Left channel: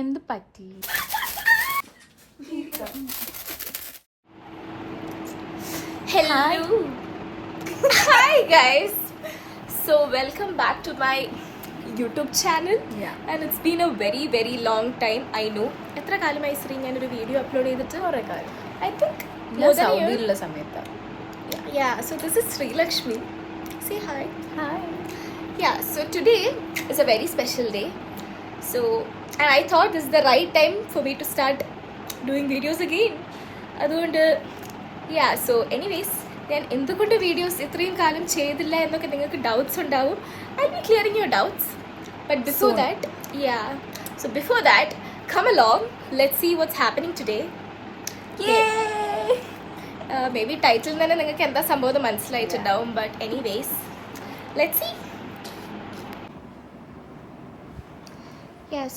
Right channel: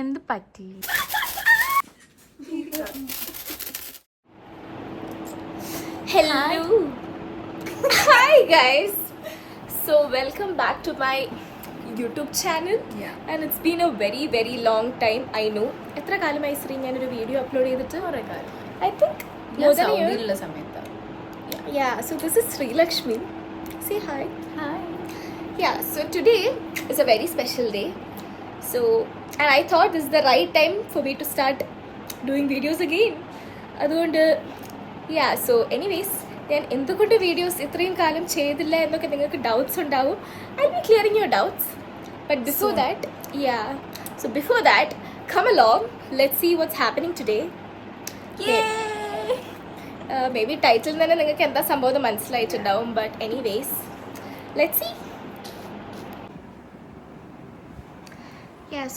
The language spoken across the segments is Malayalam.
എന്ത് പറ്റി? Hello. Hi guys. So welcome back to my YouTube channel. And it's been a very long time. I know. എത്ര കാലമായി ശ്രീ ഞാനൊരു വീഡിയോ അപ്ലോഡ് ചെയ്തിട്ട്? കുറേ കാലം. I think ഞാൻ സൗദിയിലുള്ള സമയത്ത്. Yeah, so this is Sri Lakshmi. Say hi. Hi. Yeah, so today is a very special day. So, and I thought this is the right time for me to start doing videos again. അതുകൊണ്ട് സോ എനിവേസ് ഞാൻ എന്തുകൊണ്ട് വീഡിയോസ് ഇത്രയും കാലം ചെയ്തില്ല എന്നൊക്കെ നിങ്ങൾക്ക് ഡൗട്ട്സ് ഉണ്ടാവും. I be clearing your doubts. But before that come along, let's see what's happening today. Maybe title തന്നെ നിങ്ങൾക്ക് എന്താ സംഭവം മനസ്സിലായിട്ടുണ്ടാവും. But anyways let's see.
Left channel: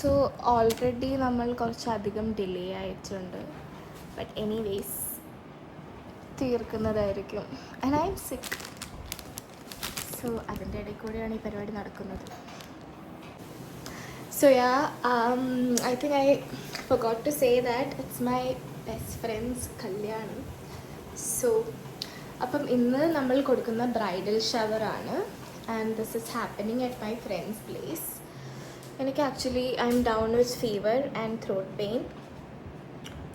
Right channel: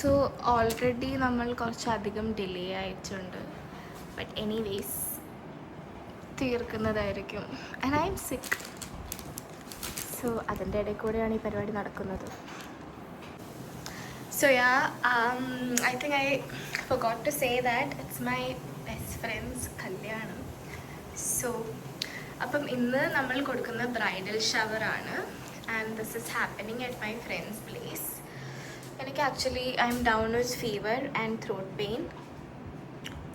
So already നമ്മൾ കുറച്ചധികം ഡിലേ ആയിട്ടുണ്ട്. ബട്ട് എനിവേസ് തീർക്കുന്നതായിരിക്കും. And I'm sick. So അതിൻ്റെ ഇടയിൽ കൂടെയാണ് ഈ പരിപാടി നടക്കുന്നത്. So I think I forgot to say that it's my best friend's കല്യാണം. സോ അപ്പം ഇന്ന് നമ്മൾ കൊടുക്കുന്ന ബ്രൈഡൽ ഷവറാണ്. And this is happening at my friends place. എനിക്ക് actually I'm down with fever and throat pain.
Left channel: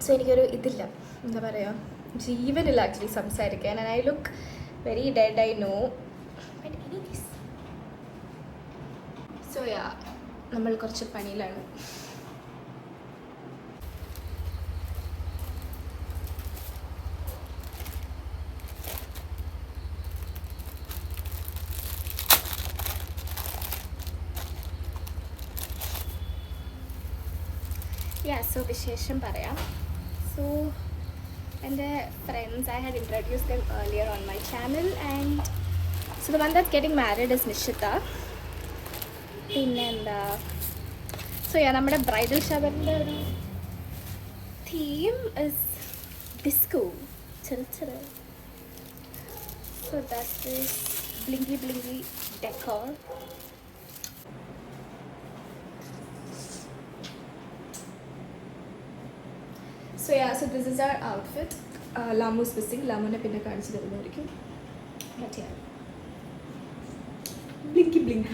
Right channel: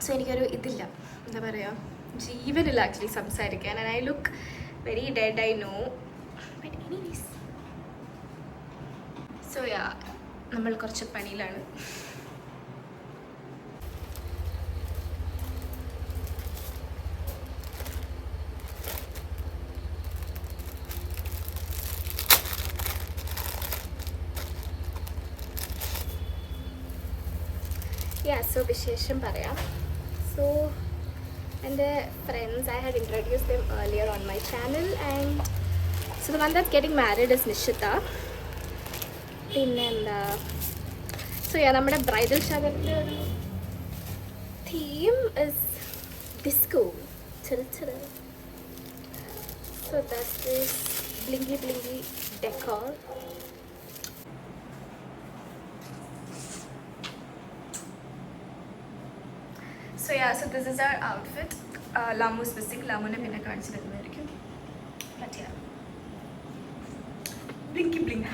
So എനിക്കൊരു ഇതില്ല, എന്താ പറയുക, ജീവനില്ല ആക്ച്വലി സംസാരിക്കാൻ. And I look very dead, I know. So നമ്മൾ കുറച്ച് പണിയിലാണ്. സോ വിശേഷം പറയാം. സോ എൻ്റെ friends, I had introduced them earlier on my channel, and so the one that's getting married is Nishita. പിന്നെ എന്താ, സോ നമ്മുടെ ബ്രൈഡൽ ഷവറിൻ്റെ ഒരു തീം ഇസ് ഡിസ്കോ, ചെറു. So that's this blinky decor. So this is our outfit. Lamu is missing. Lamune pinne kaanichu therunnaയിരിക്കും. Matiya bling.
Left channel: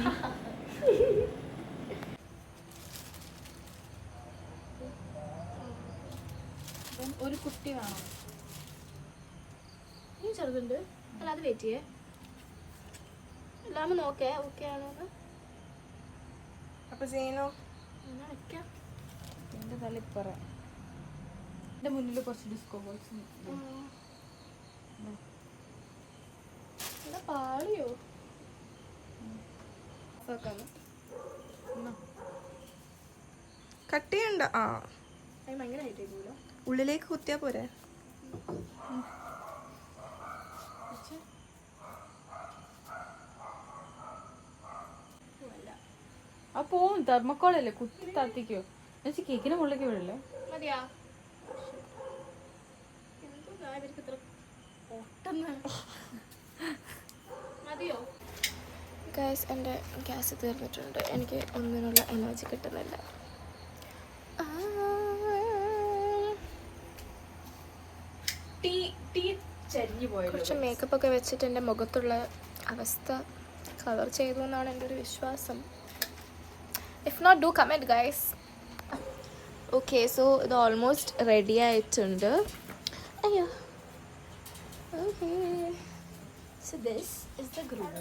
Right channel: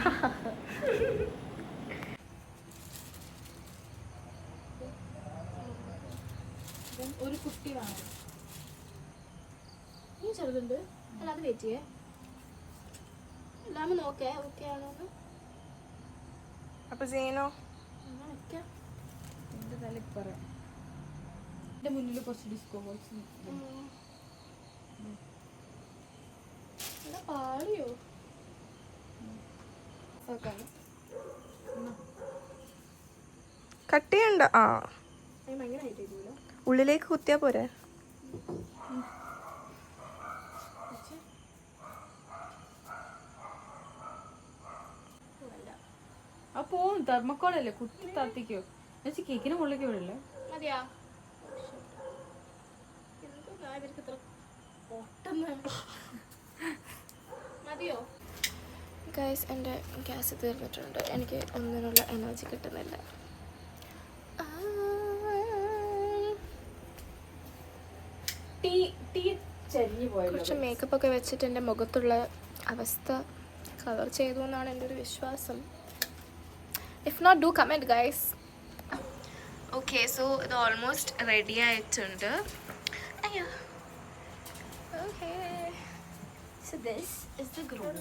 ഒരു കുട്ടി വേണം. ഈ ചെറുതുണ്ട്. അല്ല അത് വെയിറ്റ് ചെയ്യേ. ലാമു നോക്കേ ഓക്കെ ആണോന്ന്. അപ്പോൾ സീനോ ഞാൻ വെക്കാം. എൻ്റെ തലപ്പറ എൻ്റെ മുന്നിൽ കുറച്ച് ഡിസ്കോ ബോക്സ് എന്താ പാളിയോ? കട്ട് ചെയ്യണ്ട. ഭയങ്കര ഹൈറ്റ് ചെയ്തല്ലോ. ഉള്ളിലേക്ക് കുത്തിയാ പോരെ. അപ്പോ തെർമക്കോളല്ലേ കുത്തി താത്തിക്കോ. എന്നുവെച്ചാൽ കേക്കിന് മുകളിലേക്ക് വിടല്ലേ. മതിയാ? എന്തോ ഇവർക്ക് ഇത്ര പൊട്ടെന്ന്. മതിയോ? ഗൈസ്, എൻ്റെ ഗ്യാസ് തീർന്നിട്ടുണ്ട്. എനിക്ക് ഒന്നിനുള്ള എനർജി കിട്ടുന്നില്ല. കുറച്ച് മേക്കപ്പ് ഒക്കെ വെച്ചിട്ട് എൻ്റെ മുഖത്തുള്ള അവസ്ഥ കവർ ചെയ്തു എന്നാണ് എൻ്റെ ഒരു വിശ്വാസം. If not, do comment guys. Okay, so ഇത് ഓൾമോസ്റ്റ് റെഡി ആയിട്ടുണ്ട്. അയ്യോ, okay. So this is the groom.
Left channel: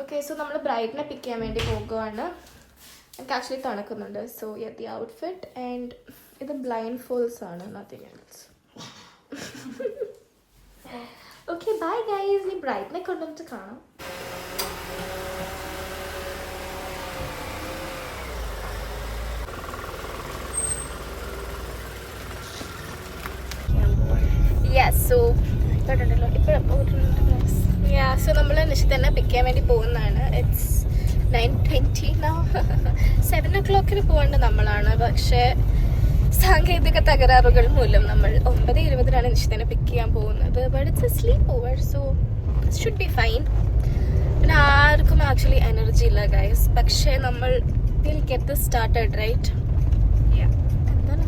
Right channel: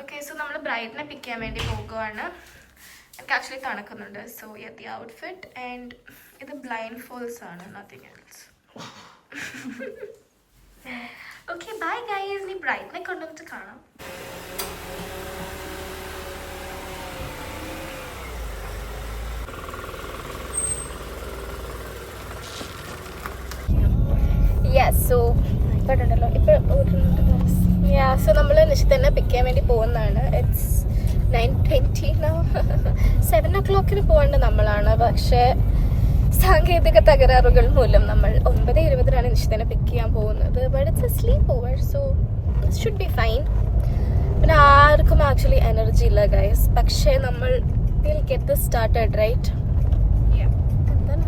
Okay, so നമ്മൾ ബ്രൈഡിനെ പിക്ക് ചെയ്യാൻ വേണ്ടി പോകുവാണ്. എനിക്ക് ആക്ച്വലി തണുക്കുന്നുണ്ട്. സോ ദി ഔട്ട്ഫിറ്റ് ആൻഡ് ഇത് ബ്ലൈൻഡ് ഫോൾസ് ആണ്, nothing else. Okay, bye guys. നീ ബ്രൈഡിനെ കൊണ്ടുവന്നിട്ട് കാണാം. സോ ഇപ്പോഴുണ്ടല്ലോ സോ നമ്മൾ നിശ്ചിതന്നെ പിക്ക് ചെയ്യാൻ വേണ്ടി പോകുന്നതാണ്. It's 9:20 now. 7 o'clock പോകേണ്ട നമ്മളാണ്. പക്ഷേ സാങ്കേതിക തകരാറുകൾ മൂലം നമ്മൾ 9:20 നിശ്ചിതനെ പിക്ക് ചെയ്യാൻ പോകുന്നത്. But it's a sleepover, so it should be fine. പിന്നെ ആർക്കും ആക്ച്വലി എനർജി ഇല്ല ഗൈസ്. പക്ഷേ നമ്മൾ will get this started, right? എന്താണ്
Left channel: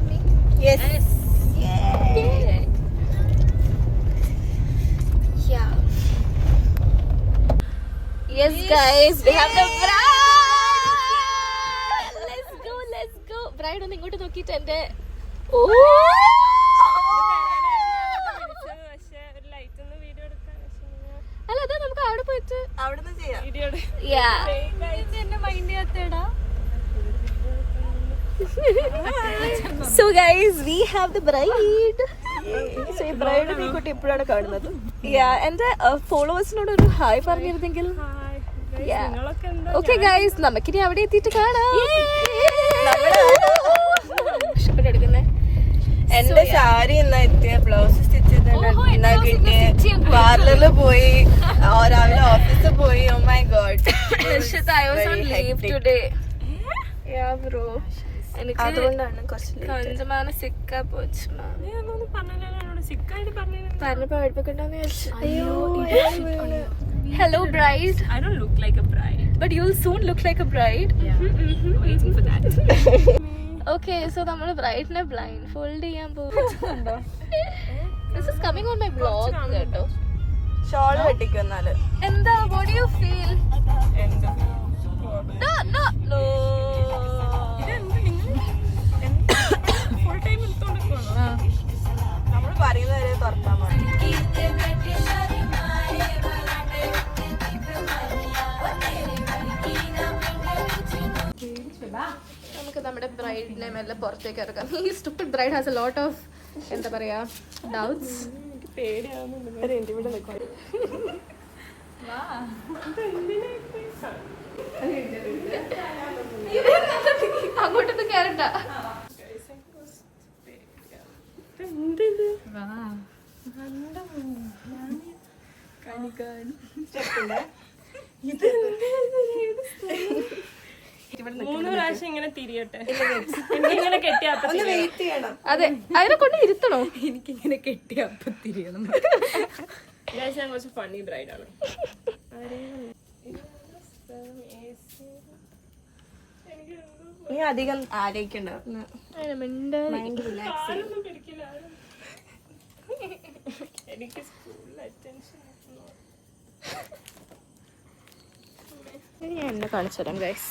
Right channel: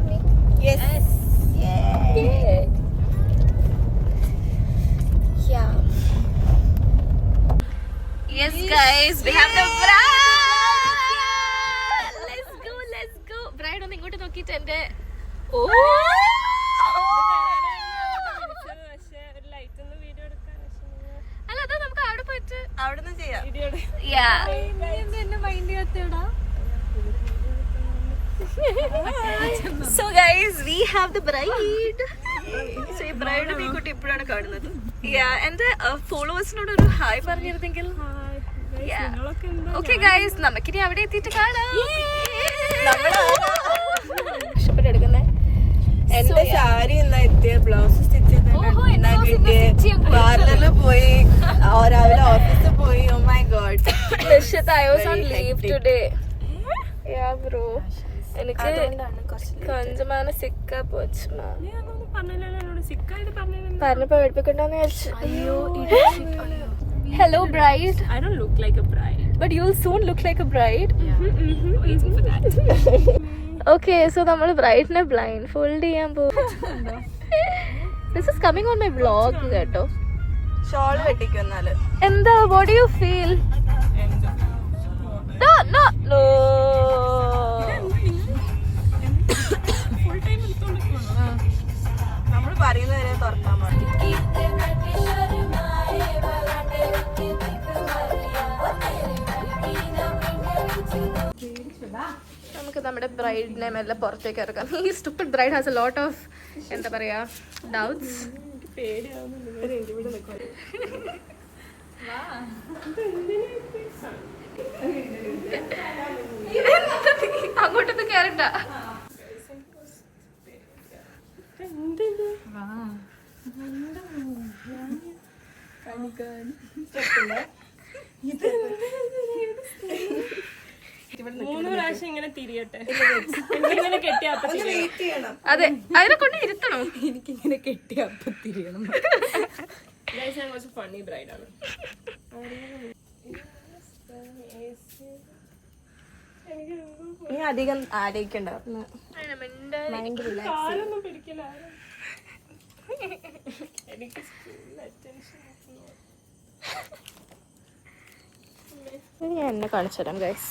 Yes guys, we have the bride. Let's go. Bride ഒന്ന് ഇങ്ങോട്ട് നോക്കിയിട്ട് എന്റെ അല്ല അതാ നമുക്ക് അവിടെ പോയിട്ട് അവിടെ ചെയ്യാം. So guys, we have the bride. So ഈ bride നീ കുട്ടി ഇപ്പോഴാണ് കാണുന്നത്. എന്റെ ഫോളോവേഴ്സിനോട് ഒരു ഹായ് പറഞ്ഞിരുന്നെങ്കിൽ. ഓക്കെ ഗൈസ്, നമുക്കിനി അവിടെ എത്തിയിട്ട് കാണാം. ഇഷ്ടപ്പെട്ടെടുക്കുന്നേ എന്റെ സാരി ബ്ലൗസ് സ്റ്റിച്ച് പാർലറിൽ പോയി, രാവിലെ ഓഫീസിൽ പോയി. Oh my god, I was on leave today. Yeah bro, എനിക്ക് കൊഞ്ചമാണ് സിക്കാ പോച്ചു. പറഞ്ഞു പേടിപ്പിക്കണ്ടെന്ന് വിചാരിച്ചു. Hello bride. I don't look like a bride, But you'll soon look like a bride. yeah. Waiting for that. Okay, so നമ്മൾ ബ്രൈഡിനെ ബ്ലൈൻഡ് ഫോൾഡ് ചെയ്യാൻ പോകുന്നുണ്ടോ? This is coming on my vlog കേട്ടോ. ഷോൾ കെട്ടിക്കുന്നാല് എന്താ, what do you feel? No. Full time നമ്മള് പറയുന്നവരെ തുറക്കാൻ മതി. നമുക്ക് നമ്മുടെ ബ്രൈഡിനെ മെല്ലെ പുറത്തേക്ക് ഇറക്കാം. ഈ stupid bride has a lot of എന്താ പറയാ ഡൗട്ട്സ്. അങ്ങോട്ടൊന്നും കേറണ്ട. മൂന്ന് പ്രാവശ്യം ഇങ്ങനെ തിരിയട്ടെ. എനിക്കിങ്ങനെ കെട്ടിയ അപ്പൊ തിരിയണം. അതെ, അതിനെ കൊണ്ട് ഇരുത്തണോ? എനിക്കിങ്ങനെ കെട്ടിയ അപ്പൊ തിരിയണം. ഞാൻ കുറച്ച് ഫണ്ണി ബ്രൈഡാണ്. നീ അധികം ആലോചിക്കണ്ട, മൈൻഡ് റിലാക്സ് ചെയ്യും. എനിക്ക് സ്കൂളിൽ അറ്റൻഷൻ ഞാൻ എന്നെ കാണിച്ചു തരാം ഗൈസ്.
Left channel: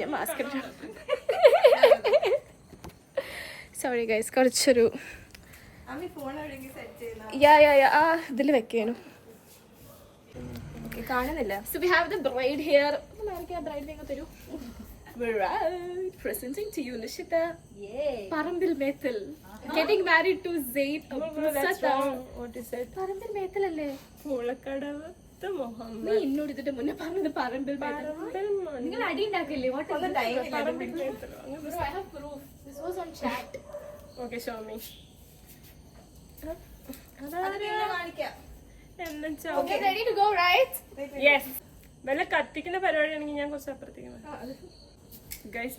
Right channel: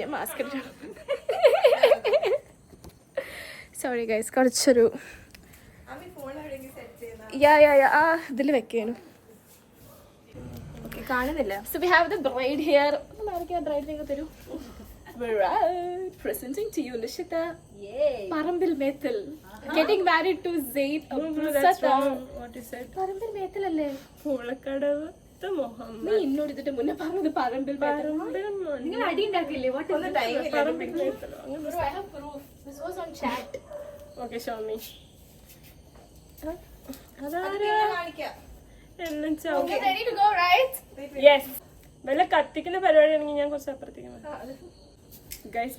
ഞാൻ മാസ്ക് ഇട്ടു. സോറി ഗൈസ്, കുറച്ചൊരു ആ ഇതിൽ വെക്കേനു. ഓക്കെ, കാണുന്നില്ല. So we have the bride here. ബ്രൈഡിനെ തരൂ. Presenting to you Lishita. Parambil Methal getting married to Zaid. That's wrong. What is it? പറമ്പിൽ മേത്തൽ അല്ലേ? പൂളക്കടവ് മുഹമ്മദ്. നീ എന്നോട് ഇതിട്ട് മുന്നേ പറഞ്ഞത് പറമ്പിൽ നിങ്ങൾ അടി ഉണ്ടാക്കില്ലേ? പറമ്പിൽ മേത്തലോ? Okay, show me. യെസ്, വല്ല കത്തിക്കുന്ന പരിപാടിയാണെങ്കിൽ ഞാൻ കുറച്ച് അപ്പുറത്തേക്ക്. ഗൈസ്,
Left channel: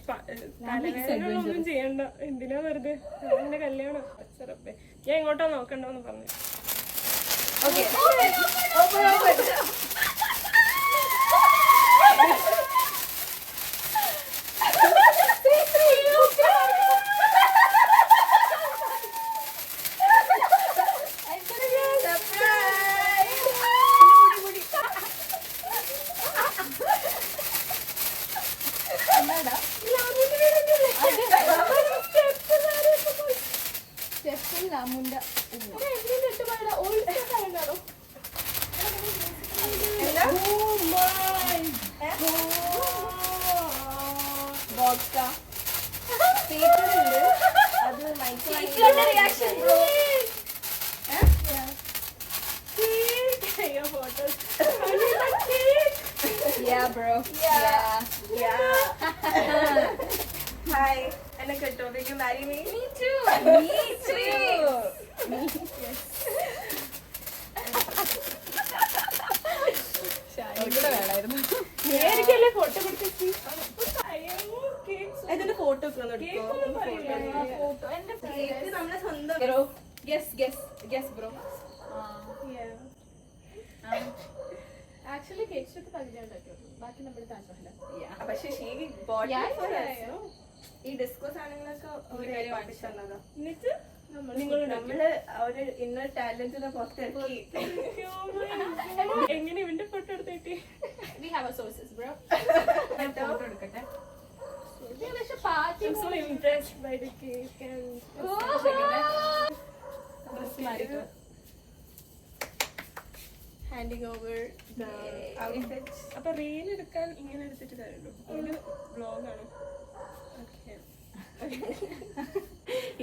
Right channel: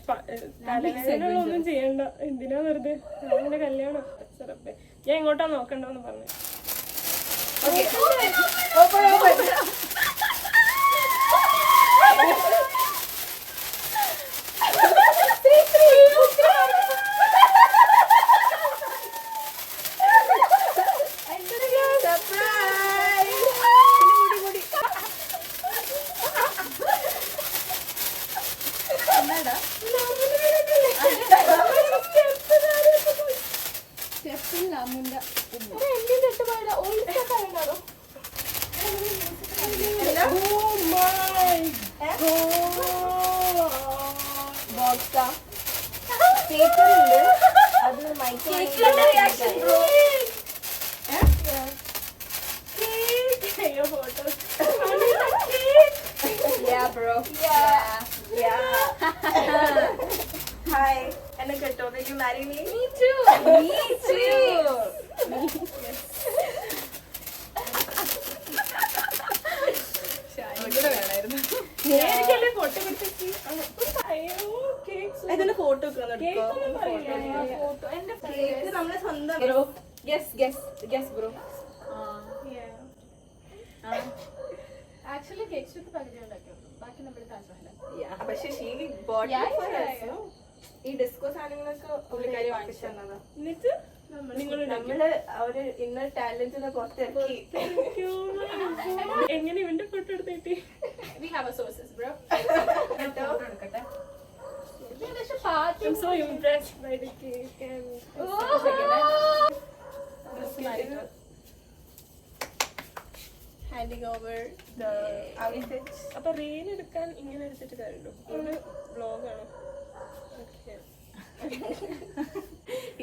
തലവേദനൊന്നും ചെയ്യണ്ട. എന്തിനാ വെറുതെ അവന്റെ കല്യാണം. ഞാൻ ഇങ്ങോട്ടാ നോക്കണ്ടോന്ന് പറഞ്ഞു. Hi, and will you marry me? Me too. Me too. Photo photo നമ്മളെ സ്വന്തം ബ്രോ ബ്രോ ആക്ച്വലി കേക്ക് പകുതി ഉണ്ടാക്കിയുള്ളൂ, ബാക്കി നമ്മുടെ താജ്മഹൽ. പക്ഷെ ഈ ഡിസ്കോ സാധനങ്ങളൊക്കെ പുള്ളിക്കാരി വാങ്ങിച്ചു തന്നതാ. എന്നിട്ട് നമ്മള് ഒരു ഇന്നർ ടാലന്റിനെ പുറത്തിറക്കി. എങ്ങനെ ഇവന്റെ ഫോട്ടോ എടുത്തിട്ട് We have a sources, bro. Photo എടുക്കട്ടെ. I'm so impressed by the cake and dress മാറിട്ടോ. handing over the outfits. അപ്പൊ റീൽ എടുക്കാൻ ഇങ്ങനെ എടുത്തിട്ട് കാര്യമുള്ളൂ, ഒരു വ്ലോഗാണ്. ഓക്കെ,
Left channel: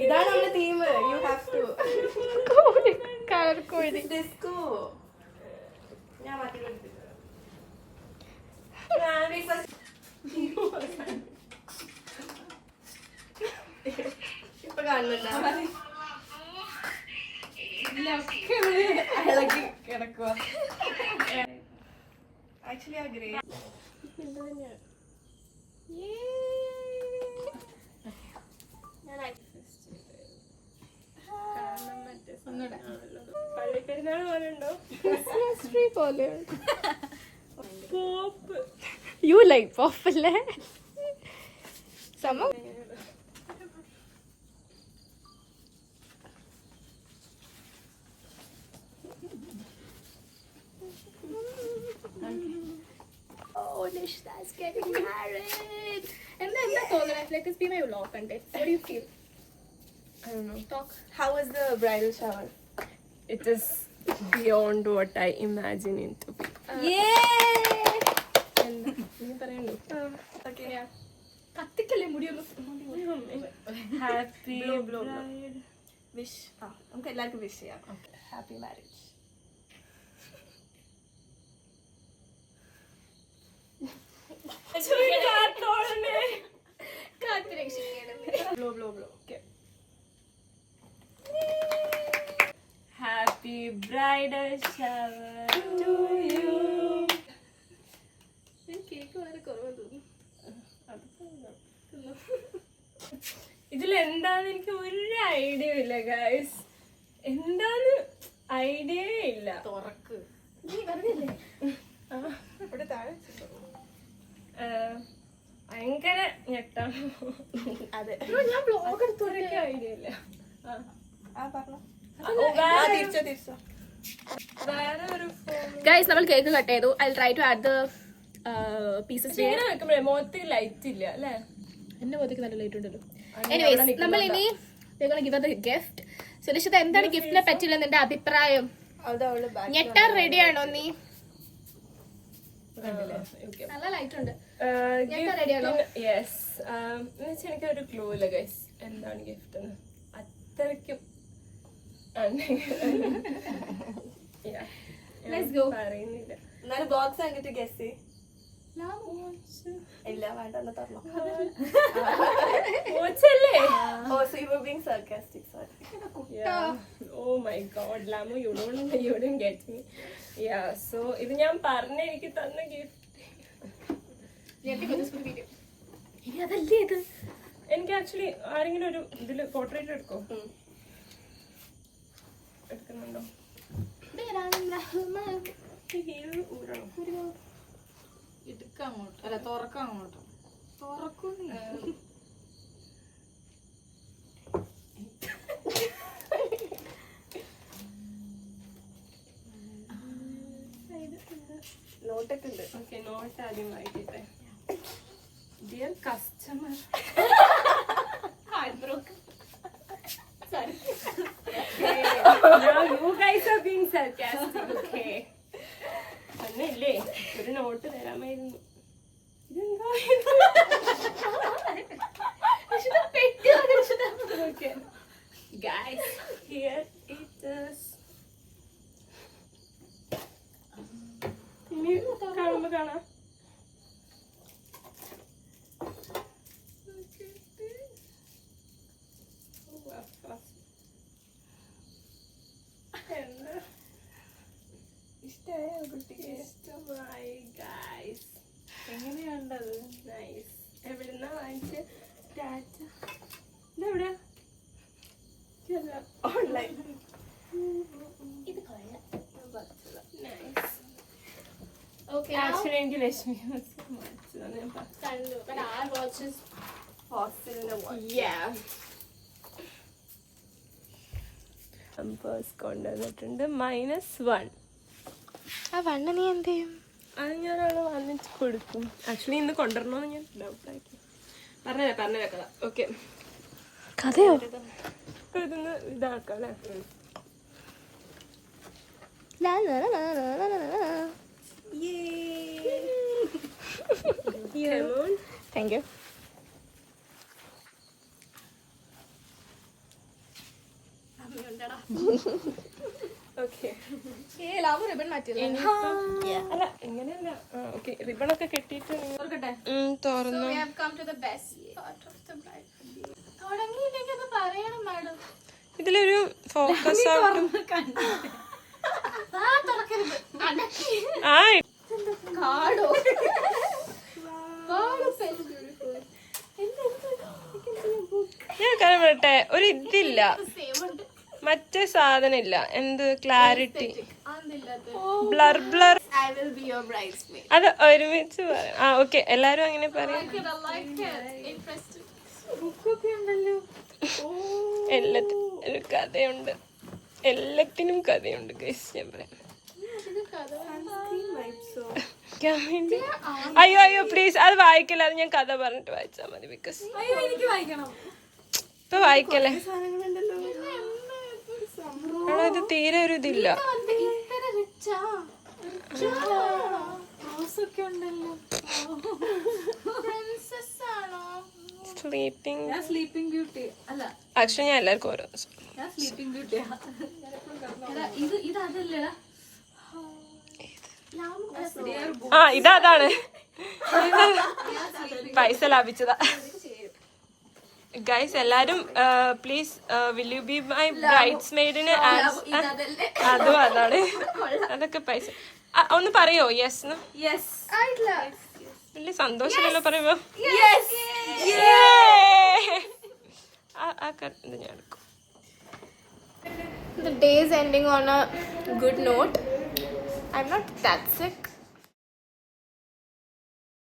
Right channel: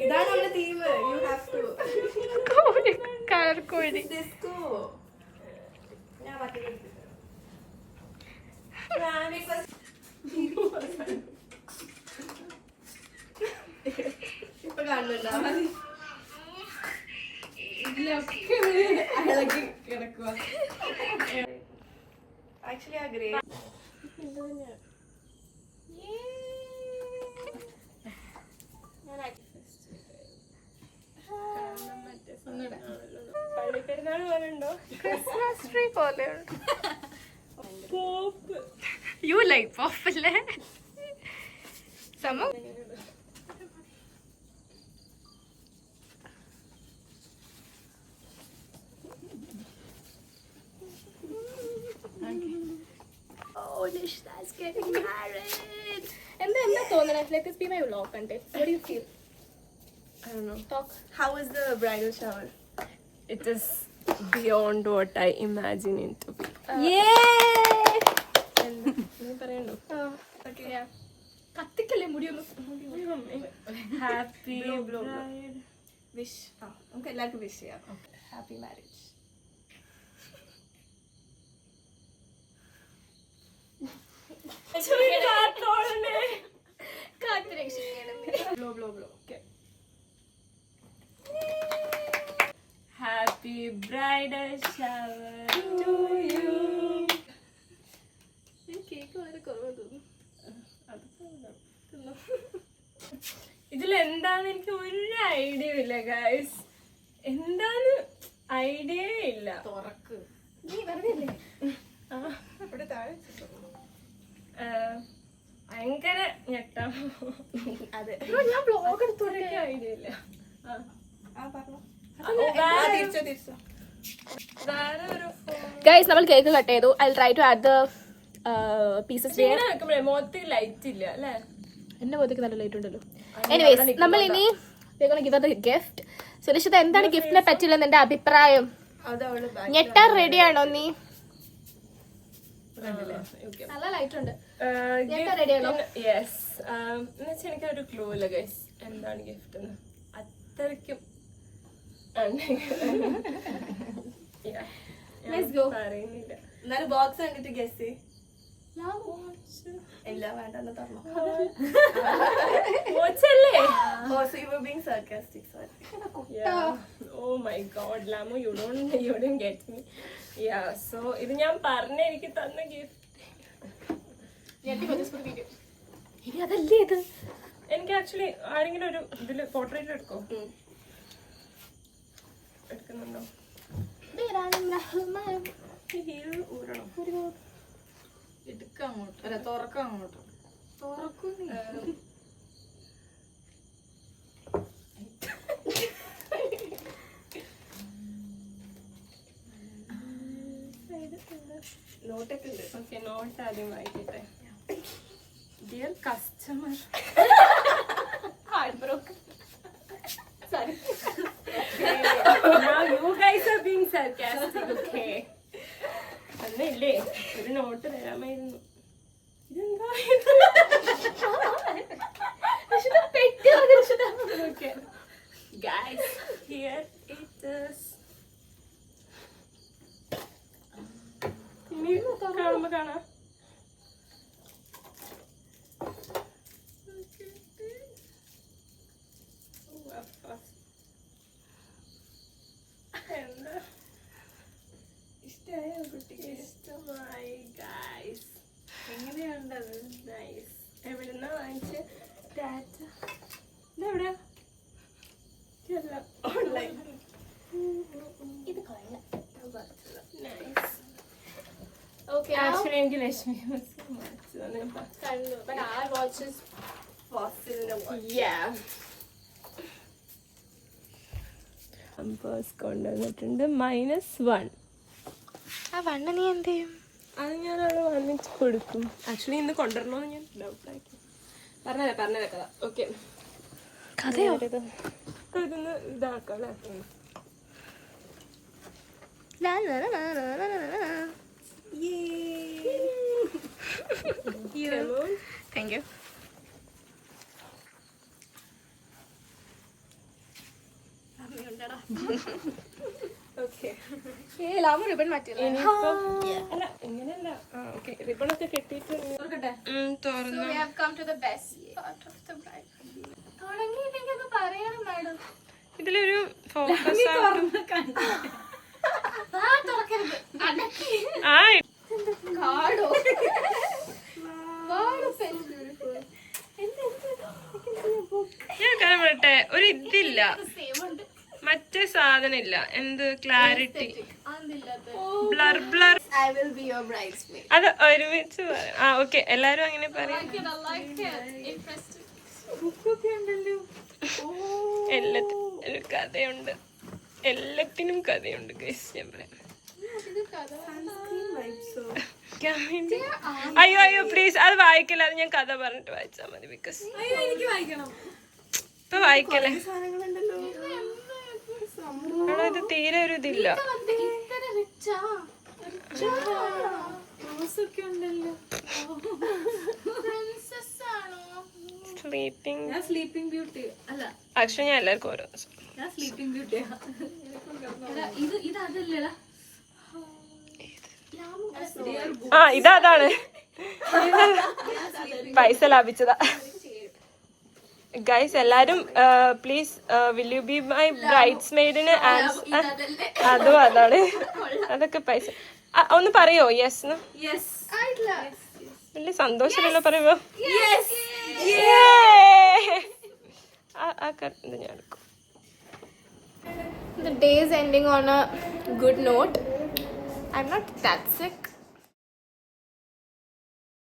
ഇതാണ് നമ്മുടെ theme. You have to colour കോഴി. ഡിസ്കോ. ഞാൻ മാറ്റി ഇപ്പൊ കാണുന്നുണ്ടോ? ഇതിലൊക്കെ ഇളകി കിടക്കുക. ആക്ച്വലി ആ ഗ്രേ പള്ളിപ്പെരുന്നാൾ പോലെ ഉണ്ടോ? ക്രിസ്മസ് ട്രീ പോലെയുണ്ട്. പോപ്പ്. യു ലൈക്ക് പോപ്പ് അല്ലേ? സമ Oh, Nishta's getting married. എന്താ തോന്നുന്നത്? Let this be my vlog content. What do you feel? I don't know. Talk. How was the bridal shower? It is beyond what I imagine it to be. നീ പറയണ്ടോ? കത്തിക്കല്ലേ മുടിയൊന്നും. Happy wish. നമുക്ക് എല്ലാവർക്കും വിഷ് ചെയ്യാം. Happy marriage. Happy bridal shower to you. Cake വളരെ കുറവ് തോന്നുന്നു. ഇതിലെന്താന്ന് എനിക്ക് ഒരു ഐഡിയ ഇല്ല ഗൈസ്. എന്താന്ന് ഐഡിയ ഇല്ല. തുറക്ക്. ഭയങ്കര ഞെട്ടാ. അതെ, ഞാൻ ബ്ലോഗ് എടുത്തോണ്ട് ഐഡിയ ഇല്ല. വേറെ ഒരു ഗൈസ് നമ്മൾ കേക്ക് കട്ട് ചെയ്തു. I try to add the pieces. ഇങ്ങനെ വെക്കുമ്പോഴേ മുഖത്ത് ലൈറ്റ് ഇല്ല അല്ലേ? എന്റെ മുഖത്തേക്ക് നല്ല ലൈറ്റ് ഉണ്ടല്ലോ. എനിവേസ് നമ്മൾ ഇനി ഗിവ് ദ ഗിഫ്റ്റ്. സുരക്ഷിത, എന്താണ് ഗിഫ്റ്റിനെ പറ്റില്ലെന്ന് എന്റെ അഭിപ്രായം? ഞെട്ടാൻ റെഡിയാണോ നീ? നല്ല ലൈറ്റ് ഉണ്ട്. യെസ്. എന്നുവെച്ചാൽ എനിക്കൊരു ക്ലൂ ഇല്ല ഗൈസ് എന്താണ് ഗിഫ്റ്റ് എന്ന്. അത്രയ്ക്കും പറയുന്നില്ല. എന്നാലും ബോക്സ് വാങ്ങിട്ട് ഗസ് ഇല്ല വേണ്ടെന്ന് പറഞ്ഞു. Oh my god, Lamu, you didn't get me. Yeah, so ഇത് ഞാൻ പറഞ്ഞ എനിക്ക് തന്ന ഗിഫ്റ്റ്. എനിക്ക് ആക്ച്വലി ആരെങ്കിലും ഒരു ഇതില് പോർട്രേറ്റ് എടുക്കോ? എടുക്കുന്നുണ്ടോ? എടുക്കാം അങ്ങോട്ട്. അല്ല, തുറക്കാം അങ്ങോട്ട്. തുറക്കുന്നു. നോട്ടൊക്കെ ഉണ്ട്. ഓക്കെ, നോട്ട് ആദ്യം വായിക്കട്ടെ. Dear customer. Now you guys are being sarcastic, okay? അന്നല്ലേ ഒരു നോട്ട് തരാമായിരുന്നു. ഇതെന്താ? Okay. Guys, here it is. ഇനി കാണുമ്പോ കാണാം. ഇഷ്ടമായി ഗൈസ്. എങ്ങനെയുണ്ടത്? നൈസ്. എവിടുന്നാ വാങ്ങിച്ച? ഓൺലൈൻ. ആക്ച്വലി എനിക്ക് ലക്ഷ്മി കൊണ്ടുവന്നിട്ടുണ്ട് -1. ആ വണ്ണ് നീ എന്ത് ചെയ്യും? അത് ഞാൻ വന്നിട്ട് കൊടുക്കും. ആക്ച്വലി ഇന്ന് കൊണ്ടുവരണമെന്ന് ഞാൻ ഡൗട്ടാക്കി. പറഞ്ഞ കഥ. ഓക്കെ, കഥയോ? ഇതൊന്ന് ഇതാക്കാം അല്ലേ? Thank you. ഓക്കെ, അല്ല ഇങ്ങനെയല്ല. ഓക്കെ, റിബണൊക്കെ കെട്ടിയിട്ട് തുറന്നു. ഇതിലൊരു ഫോക്കസ് ആയിട്ടും ഞാൻ കാര്യം പറയട്ടെ, ഒരു ഇതില്ല, മറ്റേ സാധനം ഇല്ല. എന്ത് ക്ലാരിറ്റി, ബ്ലർ ബ്ലർ. അത് ഒരുമിച്ച് പറയാം. ആ ഓക്കെ, എല്ലാരും അങ്ങനെ പറയാം. എല്ലാത്തിനും ഒരു കഥയുണ്ട്, എല്ലാത്തിനും കഥയുണ്ട് ഗൈസ്. ഞാൻ പറയാം. അയ്യോ പ്ലീസ്, അത് വായിക്കല്ല. അത് ഞാൻ കഥ പറഞ്ഞിട്ട് വായിച്ചാ മതി. ബിക്കോസ് ഇപ്പൊ വായിക്കല്ലേ. ഇത് തീരെ ഒരു ഇതില്ല. സ്ലീപ്പിംഗ് ബ്യൂട്ടി അല്ല, ആക്ച്വലി ഞാൻ എല്ലാവർക്കും ഓരോ സ്ലീപ്പിംഗ് ബ്യൂട്ടിയാ. ഇത് അതല്ലടാ. ഇതാണ് പൈസ ലാഭിച്ചതാ ഗൈസ്. എല്ലാരും please will you be my ബ്രൈഡ്സ് മെയ്ഡിന് അതും അതാണ്. അതൊക്കെ പൈസ. ഒന്ന് പറയോ യെസ്? വലിയ സന്തോഷമല്ലോ പറയുമ്പോ. ഇത് ഞാൻ എടുക്കും. The day is ending on a good note. I'm not that sick.